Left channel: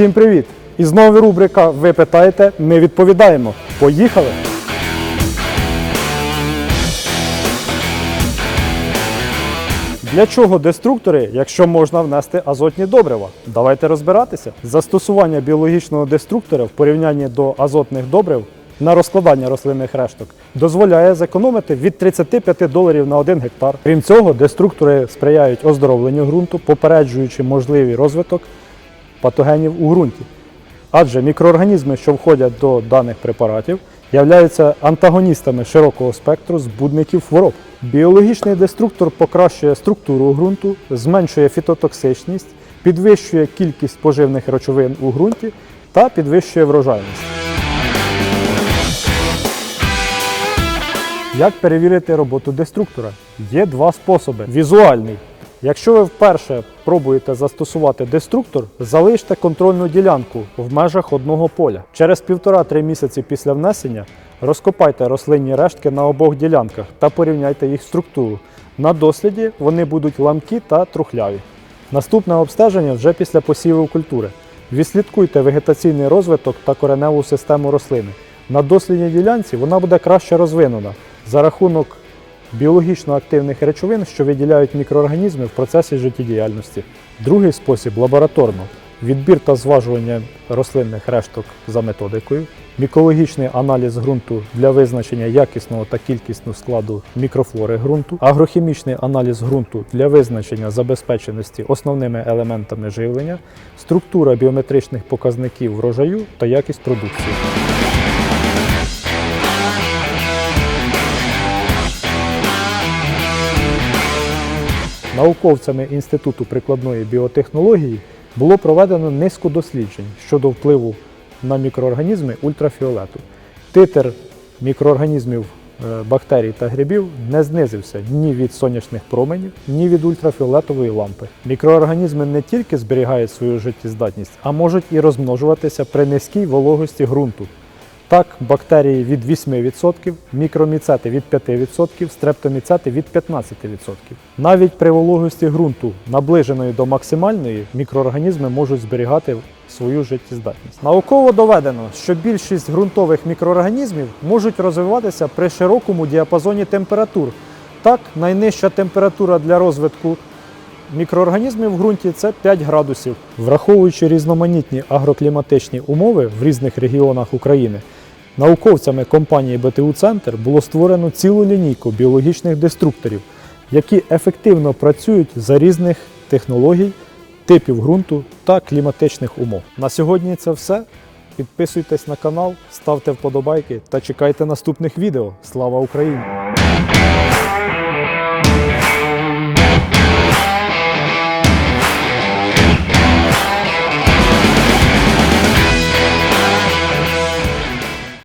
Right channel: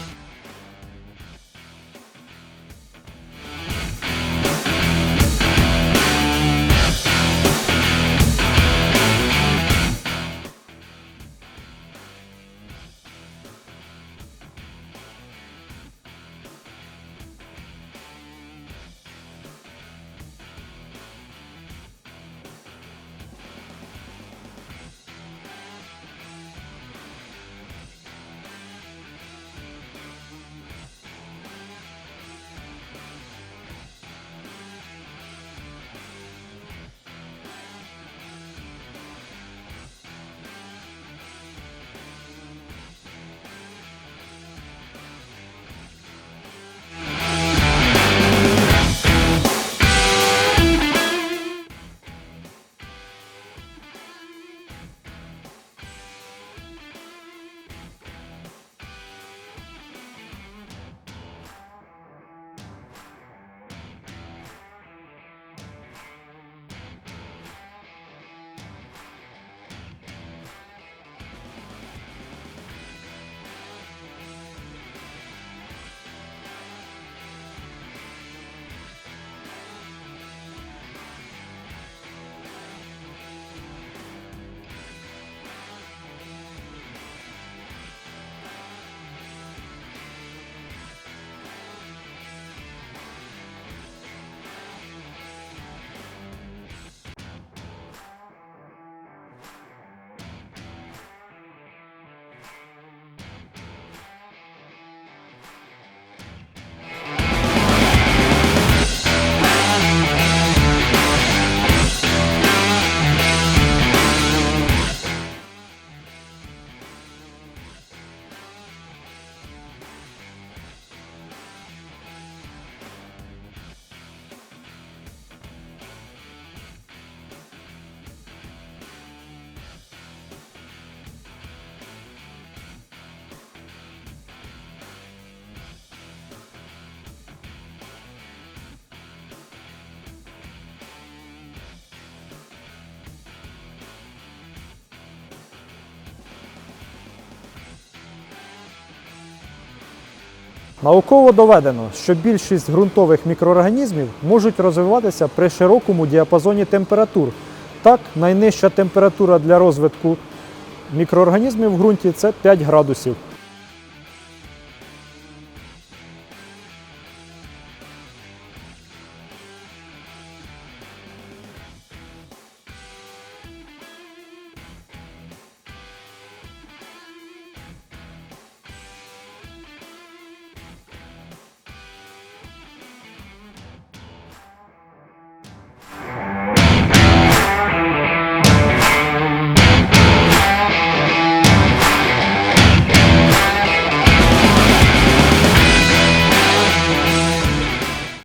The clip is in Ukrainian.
Всім привіт! І знову рубрика Ви питаєте, ми відповідаємо. Поїхали! Для чого деструктори, якщо можна внести азотні добрива? Давайте розбиратися. Застосування біологічного деструктора в порівнянні до азотних добрив на розкладання рослинних решток дозволяє зекономити від 35 доларів на 1 гектар. Крім цього, деструктори сприяють оздоровленню ґрунту, попереджуючи можливий розвиток патогенів у ґрунті. Адже мікроорганізми, що входять до даних препаратів, являються антагоністами широкого спектру збудників хвороб. Біологічний деструктор покращує структуру ґрунту, зменшує фітотоксичність, підвищує кількість поживних речовин у ґрунті та підвищує врожайність. Як перевірити роботу деструктора? Є два способи. Візуальний. Якщо ви вперше пробуєте застосувати деструктор, залиште контрольну ділянку в межах одного поля. Через 1,5-3 місяці після внесення розкопайте рослинні рештки на обох ділянках та порівняйте їх структуру. На досліді вони будуть ламкі та трухляві. Наступне обстеження вже після посіву культури. Відслідкуйте вегетаційний розвиток та кореневу систему рослини. На дослідній ділянці вона буде краще розвинена за рахунок біологічно активних речовин, що виділяють мікроорганізми в процесі життєдіяльності. Другий спосіб лабораторно. Відбір та зважування рослинних решток за методикою, мікологічний аналіз ґрунту для визначення якісного та кількісного складу мікрофлори ґрунту, агрохімічний аналіз ґрунту для визначення забезпеченості основними елементами живлення, структура біометричних показників врожаю та якість продукції. Науковцями Інституту прикладної біотехнології було проведено низку досліджень щодо впливу на мікроорганізми ультрафіолету. Титр мікроорганізмів е, бактерій та грибів не знизився ні від сонячних променів, ні від ультрафіолетової лампи. Мікроорганізми не тільки зберігають свою життєздатність, а можуть і розмножуватися при низькій вологості ґрунту. Так, бактерії від 8%, мікроміцети від 5%, стрептоміцети від 15%. Навіть при вологості ґрунту, наближеної до максимальної, мікроорганізми можуть зберігати свою життєздатність. Науково доведено, що більшість ґрунтових мікроорганізмів можуть розвиватися при широкому діапазоні температур. Так, найнижча температура для розвитку Мікроорганізмів в ґрунті це 5 градусів. Враховуючи різноманітні агрокліматичні умови в різних регіонах України, науковцями компанії БТУ Центр було створено цілу лінійку біологічних деструкторів, які ефективно працюють за різних технологій, типів ґрунту та кліматичних умов. На сьогодні це все. Підписуйтесь на канал, ставте вподобайки та чекайте наступних відео. Слава Україні!